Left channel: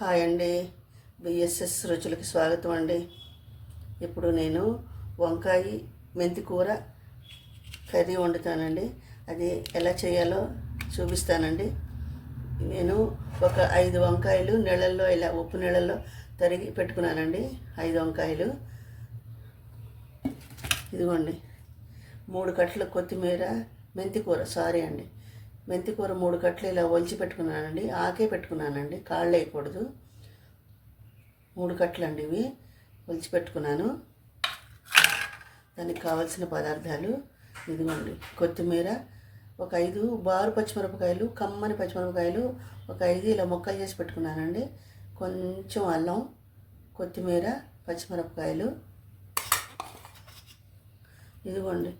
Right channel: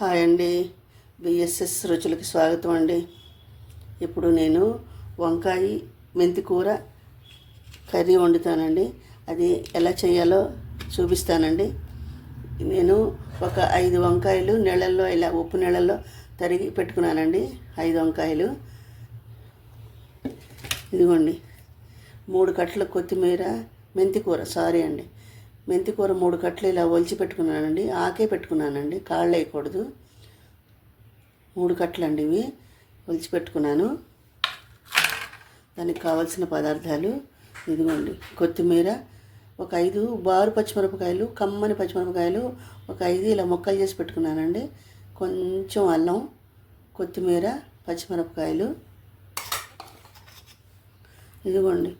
Hi అండి. BSS రుచులకి స్వాగతం అండి. ఇప్పుడు నేను వంకాయ మెంతి కూర కర్రీ వండుతానండి. అది ఎలా చేయాలో చూపిస్తానండి. నేను ఒక 5 వంకాయలు నీళ్ళల్లో ఇలా ఉప్పు నీళ్ళల్లో తరిగి పెట్టుకున్నానండి. 5 వంకాయలు ఇదిగోండి. 3 కట్టల కొత్తిమీర, మెంతి కూర మెంతి కూర 3 కట్టలు ఇలా ఒలిచి పెట్టుకున్నానండి. ఆకే పెట్టుకున్నానండి, కాళ్ళు వేయకూడదు. 3 కట్టలు అండి ఇవి ఒలిచి పెట్టుకున్నాను. దానికి కావాల్సిన పదార్థాలు ఇదిగోండి. కొత్తిమీర ఒక 5 బారు పచ్చిమిరపకాయలు, కమ్మని పచ్చిమిరపకాయలు ఒక 5 ఇలా ముక్కలు చేసి పెట్టుకున్నానండి. కొంచెం అల్లం, కొత్తిమీర, పచ్చిమిరపకాయలు ఇదిగోండి.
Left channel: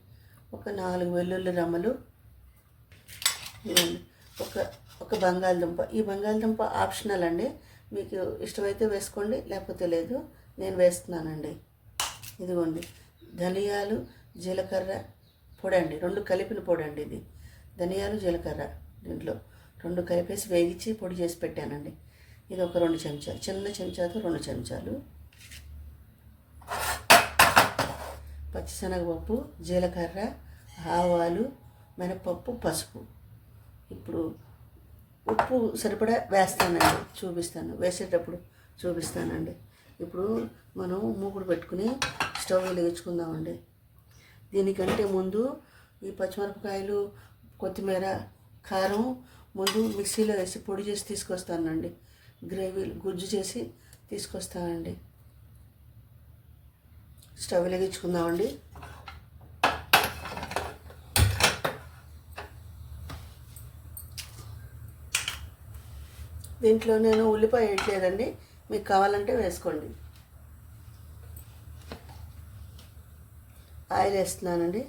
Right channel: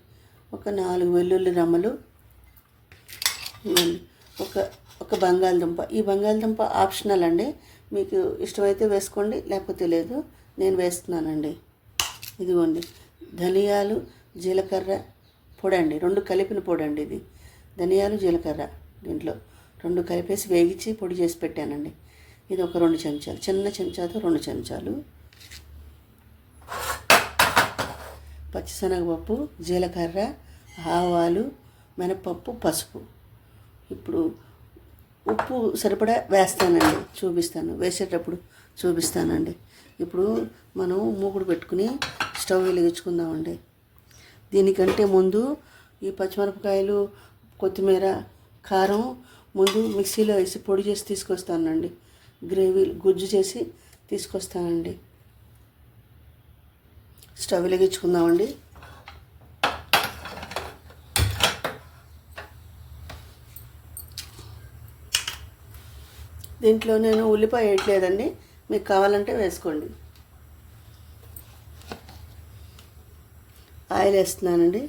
ఒక 4 వెల్లుల్లి రెమ్మలు, ఒక బంగాళదుంప. ఈ బంగాళదుంప ఆప్షనల్ అండి, మీకు ఇష్టమైతే వేసుకోండి, లేకపోతే లేదు. నేను వేస్తున్నానండి. ఇదిగోండి. ధనియాలు, జీలకర్ర పొడి అండి, 2 కలిపిన పొడి అండి ఇది. ధనియాలు, జీలకర్ర దీంట్లో 2 కలిపేసి వేగించి పొడి చేసి పెట్టానండి. ఇది ఒక 2 చెంచాలు, చిన్న చెంచాతో 2 చెంచాలు. పచ్చిశనగపప్పు, జీలకర్ర, ఆవాలు, మినపప్పు, పసుపు. ఇప్పుడు ఉప్పు సరిపడా వేస్తానండి, వేసేటప్పుడు చూపిస్తానండి. ఇప్పుడు మనం మూకుడు పెట్టుకుని స్టవ్ వెలిగించుకుందామండి. దీనికంటే ముందు ఈ పచ్చిమిరపకాయలు, కొత్తిమీర, కారం ముందు మిక్సీలో వేసి పొడి చేసి తీసుకొస్తానండి. గ్రేవీ గుజ్జు చేసి తీసుకొస్తానండి. స్టవ్ వెలిగించుకుందామండి. దీంట్లో నేను ఉల్లిపాయ వేయట్లేదండి, మీకు కావాలంటే వేసుకోండి. ఆయిల్ వేస్తున్నానండి.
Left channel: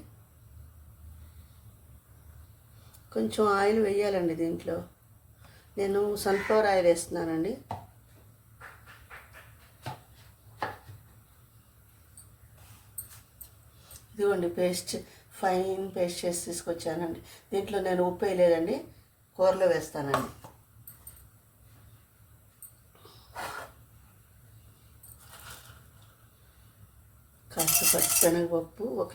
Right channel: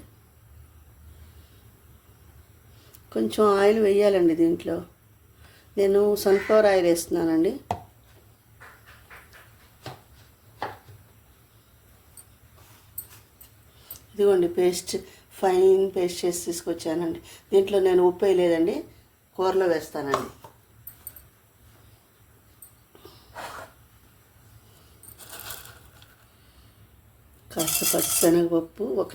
కొంచెం ఆయిల్ వేయాలండి దీంట్లో. నేను సన్ఫ్లవర్ ఆయిల్ వేస్తున్నానండి. ఇదిగోండి, ఫైన్ పేస్ట్ చేసి తీసుకొచ్చానండి. దీంట్లో నేను ఉప్పు వేయలేదండి, కూరలో వేస్తానండి. కాస్త పచ్చిశనగపప్పు ఒక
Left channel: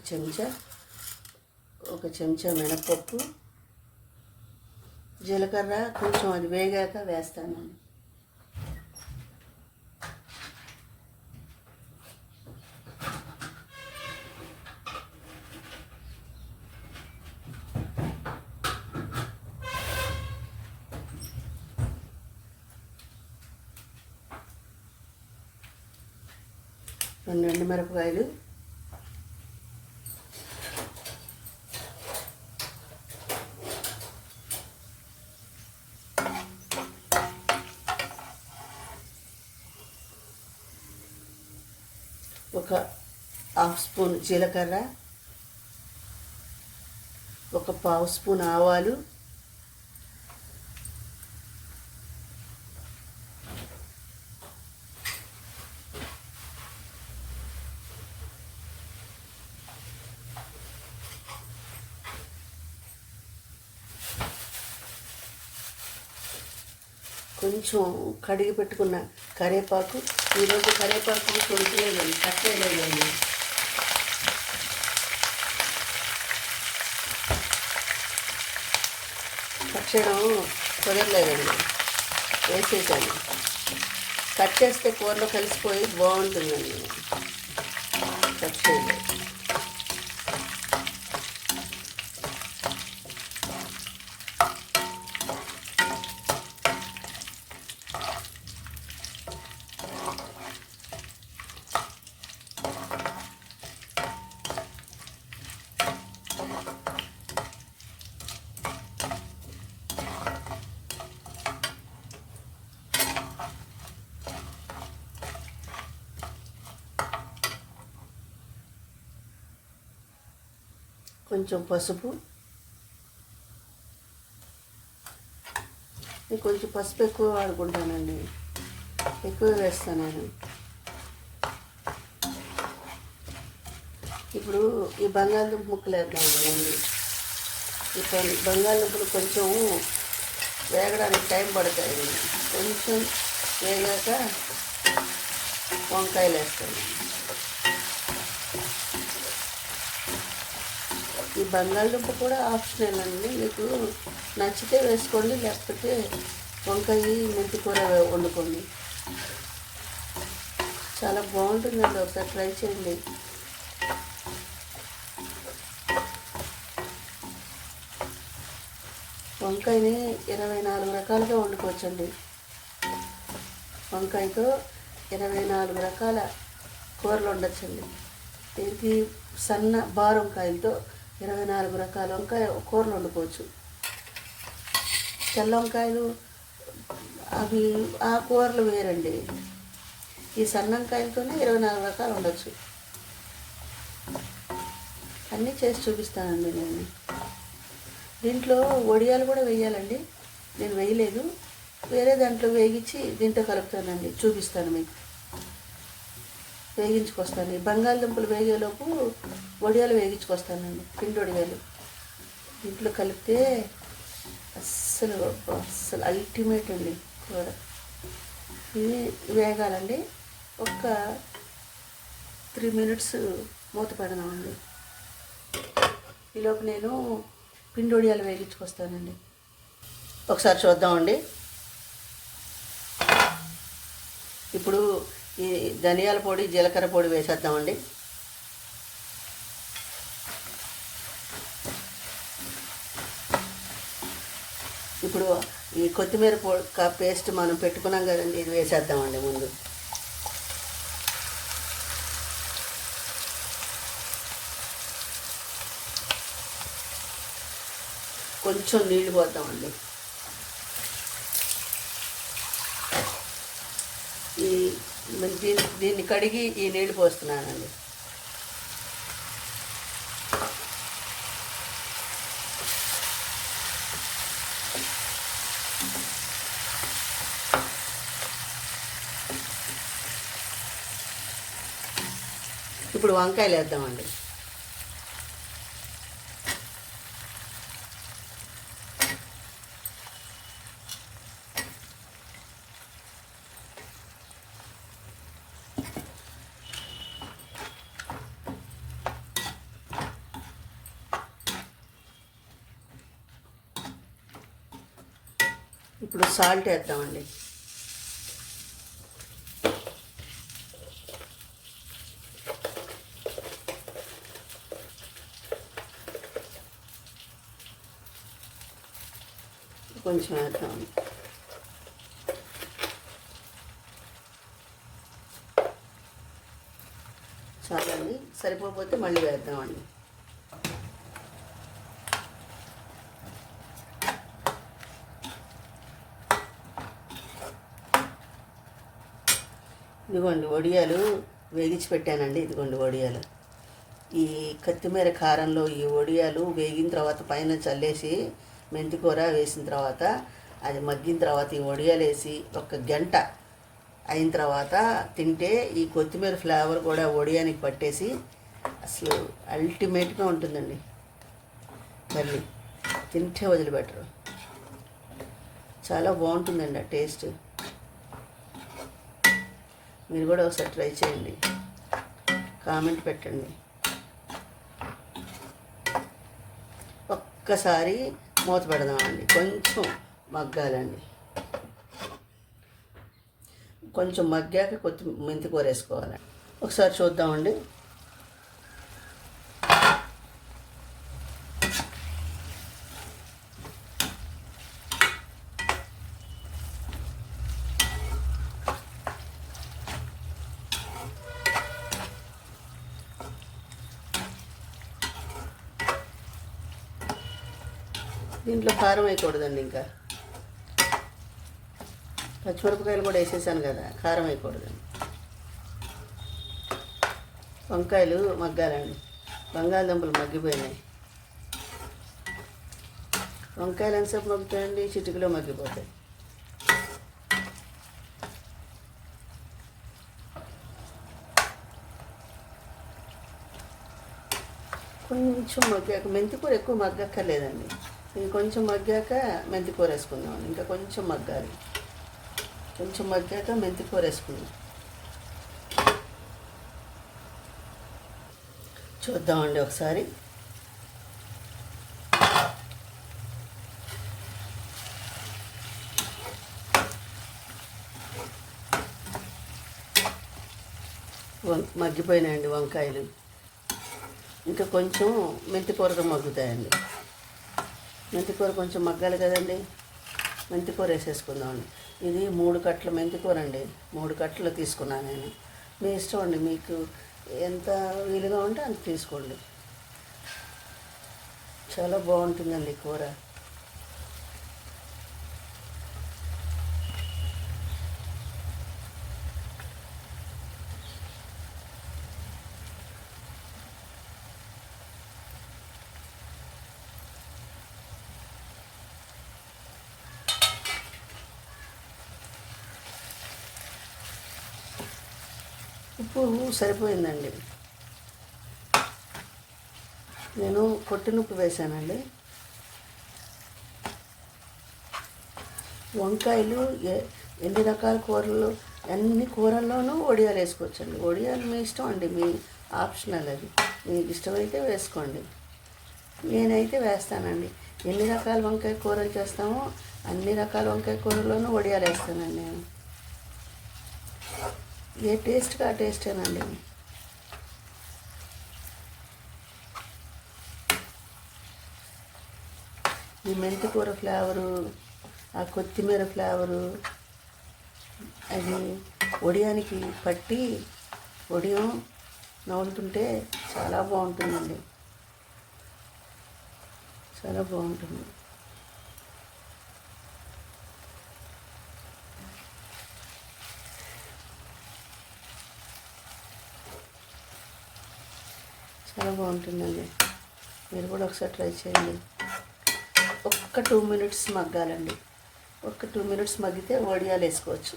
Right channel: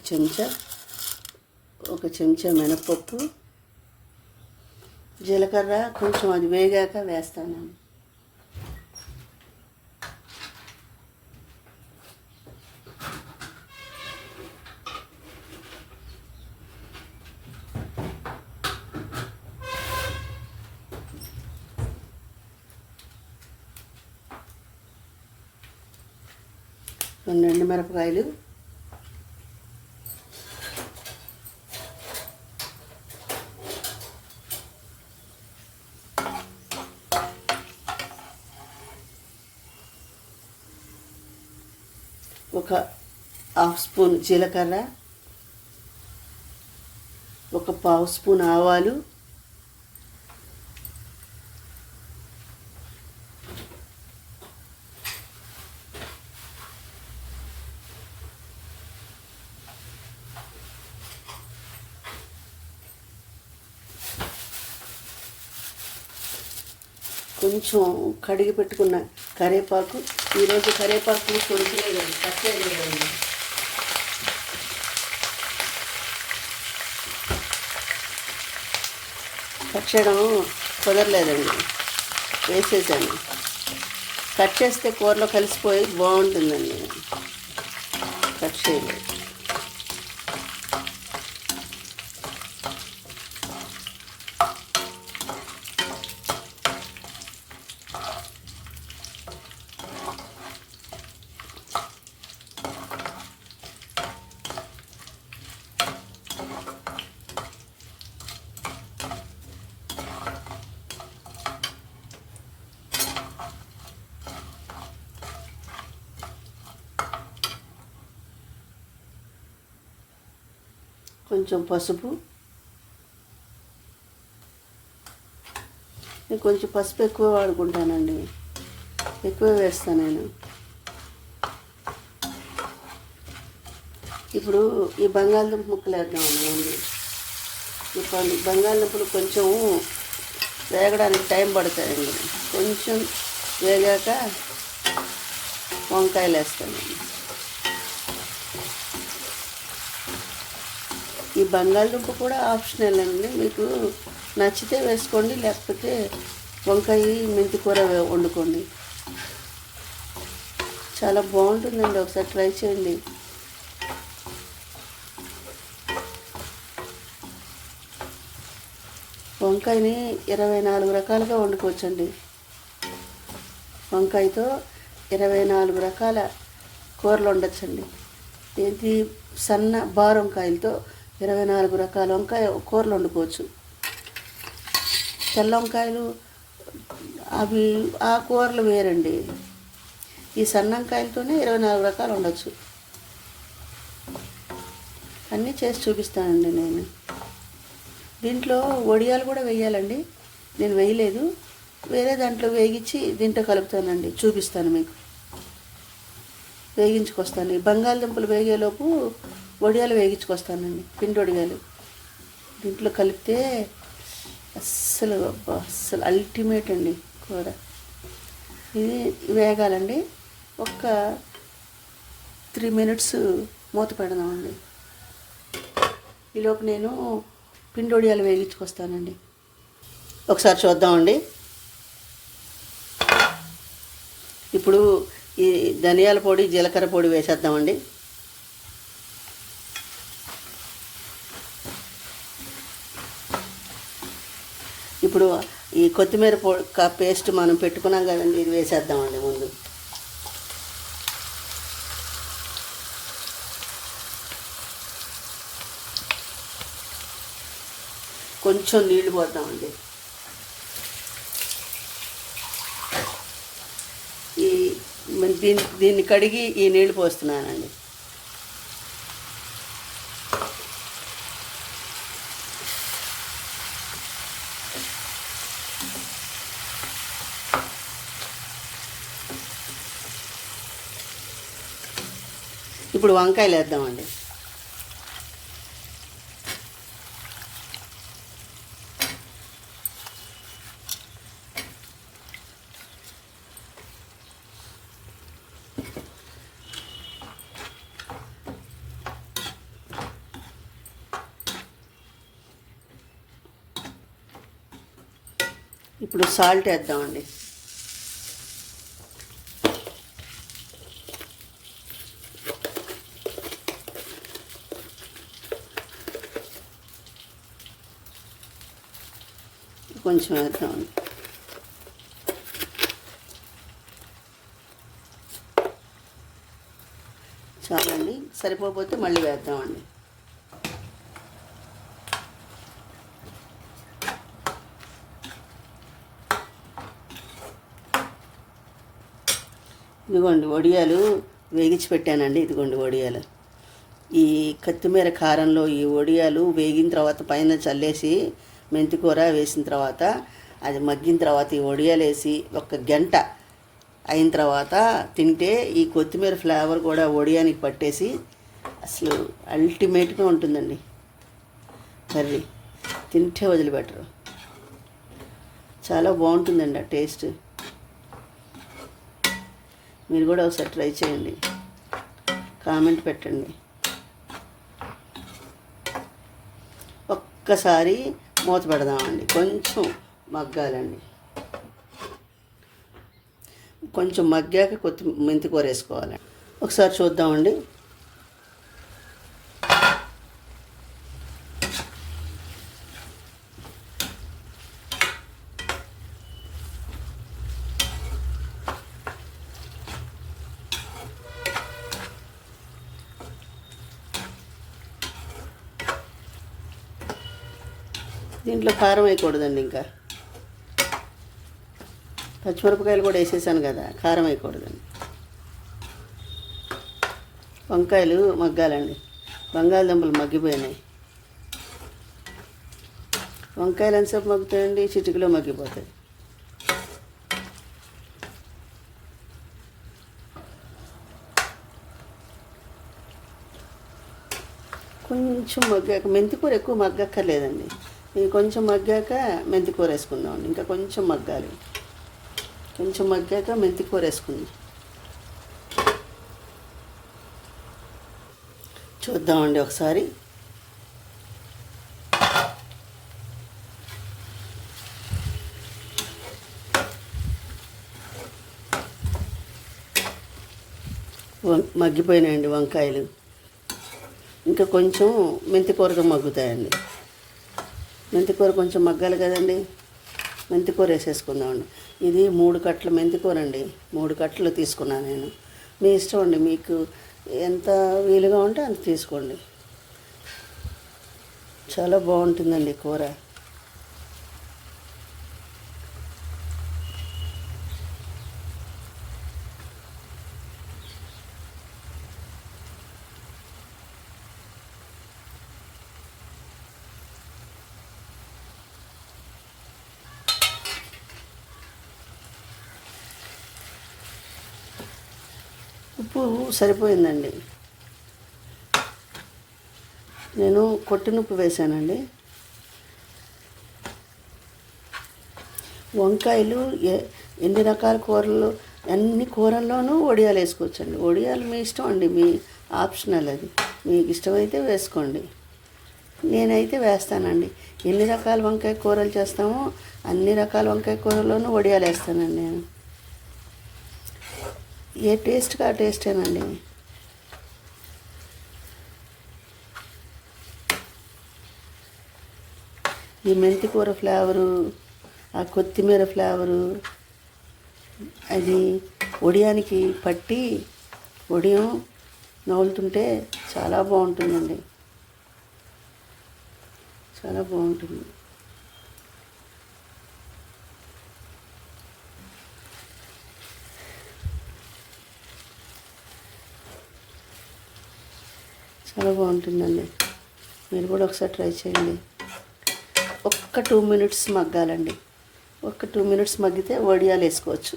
చెంచా మినపప్పు, జీలకర్ర కొంచెం అది వేగాక వేస్తాను. ఎండుమిరపకాయలు, ఒక 1/2 స్పూన్ జీలకర్ర, ఒక 1/2 స్పూన్ ఆవాలు, కొంచెం కడిగి పెట్టుకున్న కరివేపాకు. ఈరోజు కరివేపాకు కొంచెం పచ్చలేదండి. పచ్చడం కుదరలేదండి, వేసేసాను. కట్ చేస్తే కూరలో కలిసిపోయి బాగుంటుందండి, కట్ చేయలేదు. కొంచెం పసుపు, నేను కొంచెం పసుపు ఎక్కువ వాడుకుంటానండి, ఎక్కువ వేస్తాను నేను. ఇప్పుడు ఈ బంగాళదుంప ముక్కలు వేద్దామండి. ఇప్పుడు బంగాళదుంపలు కొంచెం వేగడానికి టైం పడుతుంది. కొంచెం వేగాక వంకాయలు వేస్తాను. ఈ బంగాళదుంప కూడా ఆప్షనల్ అండి, మీకు నచ్చితే వేసుకోండి, లేకపోతే వంకాయ మెంతి కూర వండుకోండి. చాలా బాగుంటుందండి, ఒకసారి ట్రై చేయండి. వంకాయని 24 రకాలుగా వండుకోవచ్చండి. వంకాయతో 24 రకాల కూరలు వండొచ్చండి. ఏంటి సన్న బారు వంకాయలతో 24 రకాల వంకాయ కూరలు వండుకోవచ్చు. తెల్ల వంకాయలు అవి ఆ కూరలు వేరండి. ఈ సన్న వంకాయలతోనే 24 రకాలు ఉండొచ్చు. అన్నీ చేసి చూపిస్తానండి నేను. దీంట్లో వడియాలు కూడా వేయాలండి, నేను వేయలేదు. వేరే దాంట్లో వేగించి దీంట్లో కలుపుతానండి, చూపిస్తాను మీకు. వేగించుకొస్తాను. ఈ బంగాళదుంపలు వేగేలోపు వడియాలు వేగించుకొస్తానండి, పిండి వడియాలు. దీంట్లో కలిపితే అస్సలు అల్టిమేట్ అండి కూర. ఇది వేగాలండి. ఒక 3 minutes మూత పెడదామండి. ఈలోపు నేను పిండి వడియాలు వేగించుకొస్తానండి. ఒకసారి చూద్దామండి. ఇప్పుడు ఈ ధనియాల పొడి, జీలకర్ర పొడి వేసేద్దామండి. ఇప్పుడు ఈ కొత్తిమీర పేస్ట్ మనం పెట్టుకున్నాం కదండి, ఇది వేసేద్దామండి ముందు. కొంచెం నీళ్లు పోద్దామండి. దీన్ని కడిగి ఈ నీళ్లు పోస్తున్నానండి. ఇప్పుడు వంకాయలు వేద్దామండి. ఇప్పుడు సాల్ట్ వేద్దామండి. కొంచెం వేద్దామండి. చాలండి, సరిపోతే మళ్ళీ వేద్దామండి. ఇదిగోండి వడియాలు వేగించి పెట్టానండి. ఇదిగోండి వడియాలు. ఈ కొత్తిమీర కారంలో ఈ వడియాలు వేగిన తర్వాత పైన చల్లేసి మెంతి కూర వేసిన తర్వాత అది మగ్గిన తర్వాత ఈ వడియాలు వేసి 1 గంట అయిన తర్వాత తింటే ఈ కొత్తిమీర ఫ్లేవర్ కూడా వడియానికి పట్టేసి అసలు అల్టిమేట్గా ఉంటుందండి. కర్రీ తింటే వదిలిపెట్టరు. చాలా బాగుంటుందండి ఆ టేస్ట్. మీరు కూడా ఒకసారి ట్రై చేయండి, కామెంట్ పెట్టండి. ఒక్కసారి మూత పెడదామండి, కొంచెం మగ్గాలండి. కొంచెం మగ్గాక మెంతి కూర వేసుకోవాలండి. ఒకసారి చూద్దామండి. దీంట్లో కారం వేయకూడదండి, ఇంకా పచ్చిమిరపకాయలు కూడా వేసేసాను కదా, కారం వేయకూడదండి. వంకాయలు మగ్గాలండి. బంగాళదుంపలు మగ్గిపోయినాయి. వంకాయలు ఎంతసేపు మగ్గుతాయండి? చిటికలో మగ్గిపోతాయి. కొంచెం మగ్గాక, మెంతి కూర ఎక్కువ మగ్గక్కర్లేదండి. ఇది కొంచెం మగ్గాక మెంతి కూర వేసుకుందాం. ఇంకా కొంచెం మగ్గాలి. కొంచెం మగ్గాక మెంతి కూర వేసుకుందాం. చూద్దామండి ఒకసారి. మగ్గిపోయినాయండి వంకాయలు. ఇంకా కొంచెం మెంతి కూరతో మగ్గుతాయండి. మెంతి కూర కొంచెం మగ్గాలి కదండి. మెంతి కూర వేసేసుకుందామండి. ఇది 3 కట్టల మెంతి కూర అండి. 3 కట్టలు తీసుకున్నాను నేను. మీ ఇష్టం అండి, మీకు ఎంత వీలుగా ఉంటే అంత తీసుకోండి. చాలా బాగుంటుందండి కూర. ఉప్పు సరిపోయిందండి. నేను కొట్టిన ఉప్పు వేసానండి. వంకాయలు ఎన్ని రకాల కూరలు, అన్ని కూరల్లోనూ వడియాలు వేసుకోవచ్చండి. వడియాలు మీ ఇష్టం అండి, మీ ఆప్షనల్ అది. మీకు ఇష్టమైతే వేసుకోండి. నేనైతే వేస్తానండి. ఎన్ని రకాల వంకాయ కూరలు చేస్తామో అన్ని రకాల వంకాయ కూరల్లోనూ వడియాలు వేస్తానండి నేను. ఏ టేస్ట్గా ఆ టేస్టేనండి. ఈ మెంతి కూర ఫ్లేవరు, ఆ కొత్తిమీర ఫ్లేవరు, అది వడియానికి పట్టి వడియం నవ్వులుతుంటే చాలా బాగుంటుందండి. చాలా బాగుంటుంది. చాలా బాగుంటుందండి. మీరు కూడా ఒకసారి ట్రై చేయండి. ఒక్క 2 మినిట్స్ మగ్గాలండి. ఒక్క 2 మినిట్స్ మగ్గితే వడియాలు వేసుకోవచ్చు.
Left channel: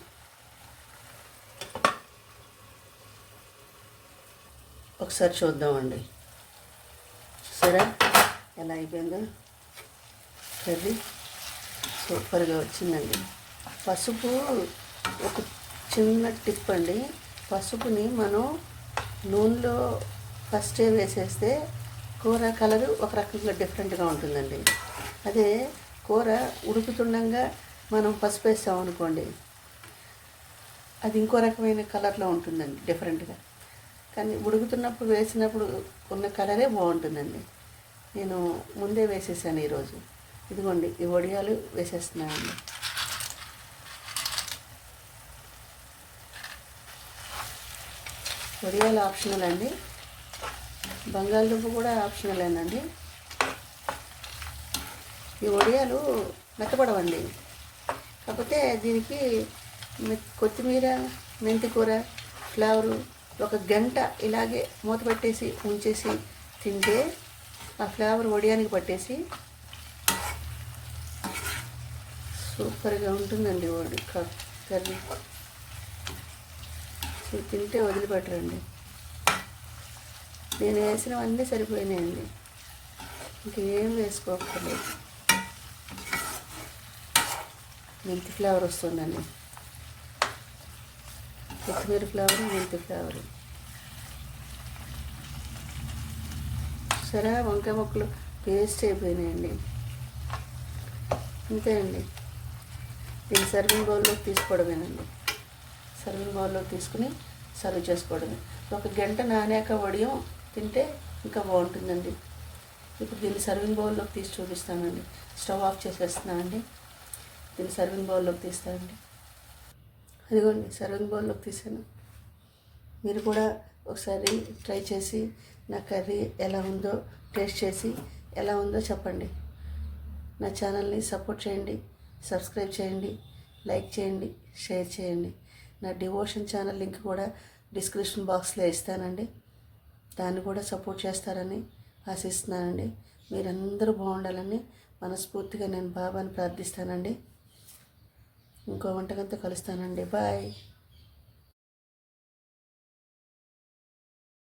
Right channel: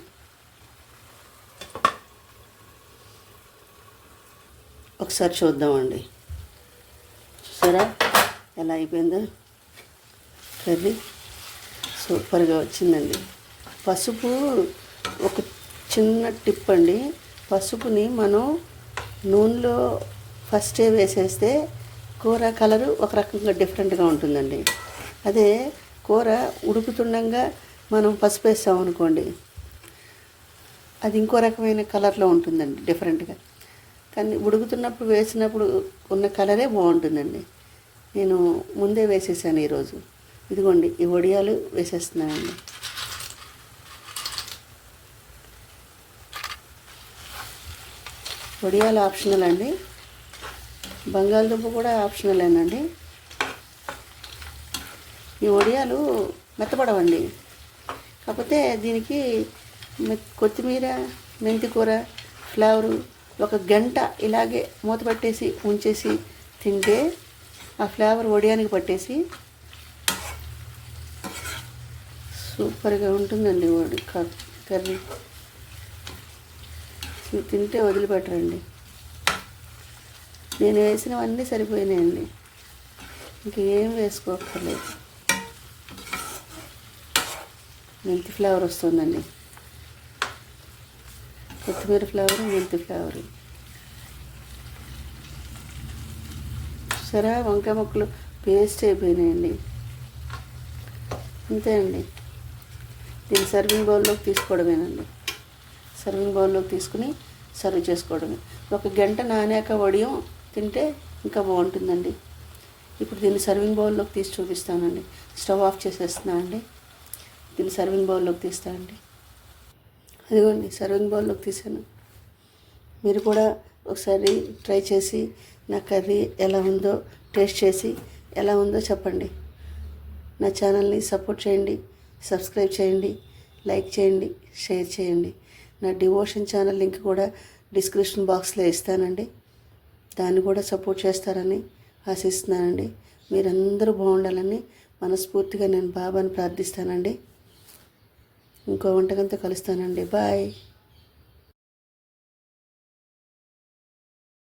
ఒకసారి చూద్దామండి. చూసారా ఎలా అయిపోయిందో కర్రీ? సూపర్గా వచ్చిందండి. పసుపు ఒక చిన్న టిప్ అండి. పసుపుని మనం నూనెలో ఫస్టే వేసేస్తే కూర కలరు ఒక రకంగా డిఫరెంట్గా ఉంటుందండి. అదే కూర ఉడుకుతుండగా మనం పసుపు వేసామనుకోండి, అది ఇంకో రకమైన కలర్లో ఉంటుందండి, డిఫరెంట్గా. కానీ ఉడుకుతున్నప్పుడు వేసినప్పుడు ఉన్న కలరే బాగుంటుందండి. నేను ముందే వేసేసాను ఈరోజు. ఇదిగోండి, ఈ వడియాలు వేసేస్తున్నానండి. వడియాలు ఆప్షనల్ అండి. బంగాళదుంప కూడా ఆప్షనలేనండి. ఈ వడియాలు మెత్తపడవండి. కాకపోతే దీనికి కొత్తిమీర, మెంతి కూర ఫ్లేవరు ఒక గంట ఇలాగే మూత పెట్టేసి ఉంచేసి తింటే ఆ ఫ్లేవర్ వడియానికి పట్టేసి సూపర్గా ఉంటుందండి. కర్రీ తింటే వదిలిపెట్టరండి. నేను వేసినవన్నీ సరిపోయినాయండి. ఇంకేం వేసుకోక్కర్లేదు. మెంతి ఫ్లేవర్ వస్తుందండి. కొత్తిమీర ఫ్లేవరు, మెంతి ఫ్లేవరు. సరే, వంకాయ ముక్కలు పేస్ట్ అయిపోయినాయండి. అంతే అండి. దీన్ని సర్వింగ్ బౌల్లోకి తీసుకోవడమేనండి. సర్వింగ్ బౌల్లోకి తీసుకుని సర్వ్ చేసుకోవడమే. ఒక గంట నానాక వడియం తింటే ఇంకా బాగుంటుందండి. ఇప్పుడు దీన్ని సర్వింగ్ బౌల్లోకి తీసి చూపిస్తానండి. స్టవ్ ఆఫ్ చేసేస్తున్నానండి. దీన్ని సర్వింగ్ బౌల్లోకి తీస్తానండి. అదిగోండి, సర్వింగ్ బౌల్లోకి తీసాను. మీరు కూడా ఒకసారి ట్రై చేసి నా కర్రీ ఎలా ఉందో టేస్ట్ చేసి ఎలా ఉందో చెప్పండి. నా ఛానల్ని సపోర్ట్ చేయండి, సబ్స్క్రైబ్ చేయండి, లైక్ చేయండి, షేర్ చేయండి. నా డివోషన్ ఛానల్ లింక్ కూడా డిస్క్రిప్షన్ బాక్స్లో ఇస్తానండి. దాన్ని కూడా సపోర్ట్ చేస్తారని ఆశిస్తున్నానండి. మీరందరూ బాగుండాలని మనస్ఫూర్తిగా నేను బాబాని ప్రార్థిస్తానండి. ఇంకో వంటకంతో కలుస్తానండి. బాయ్.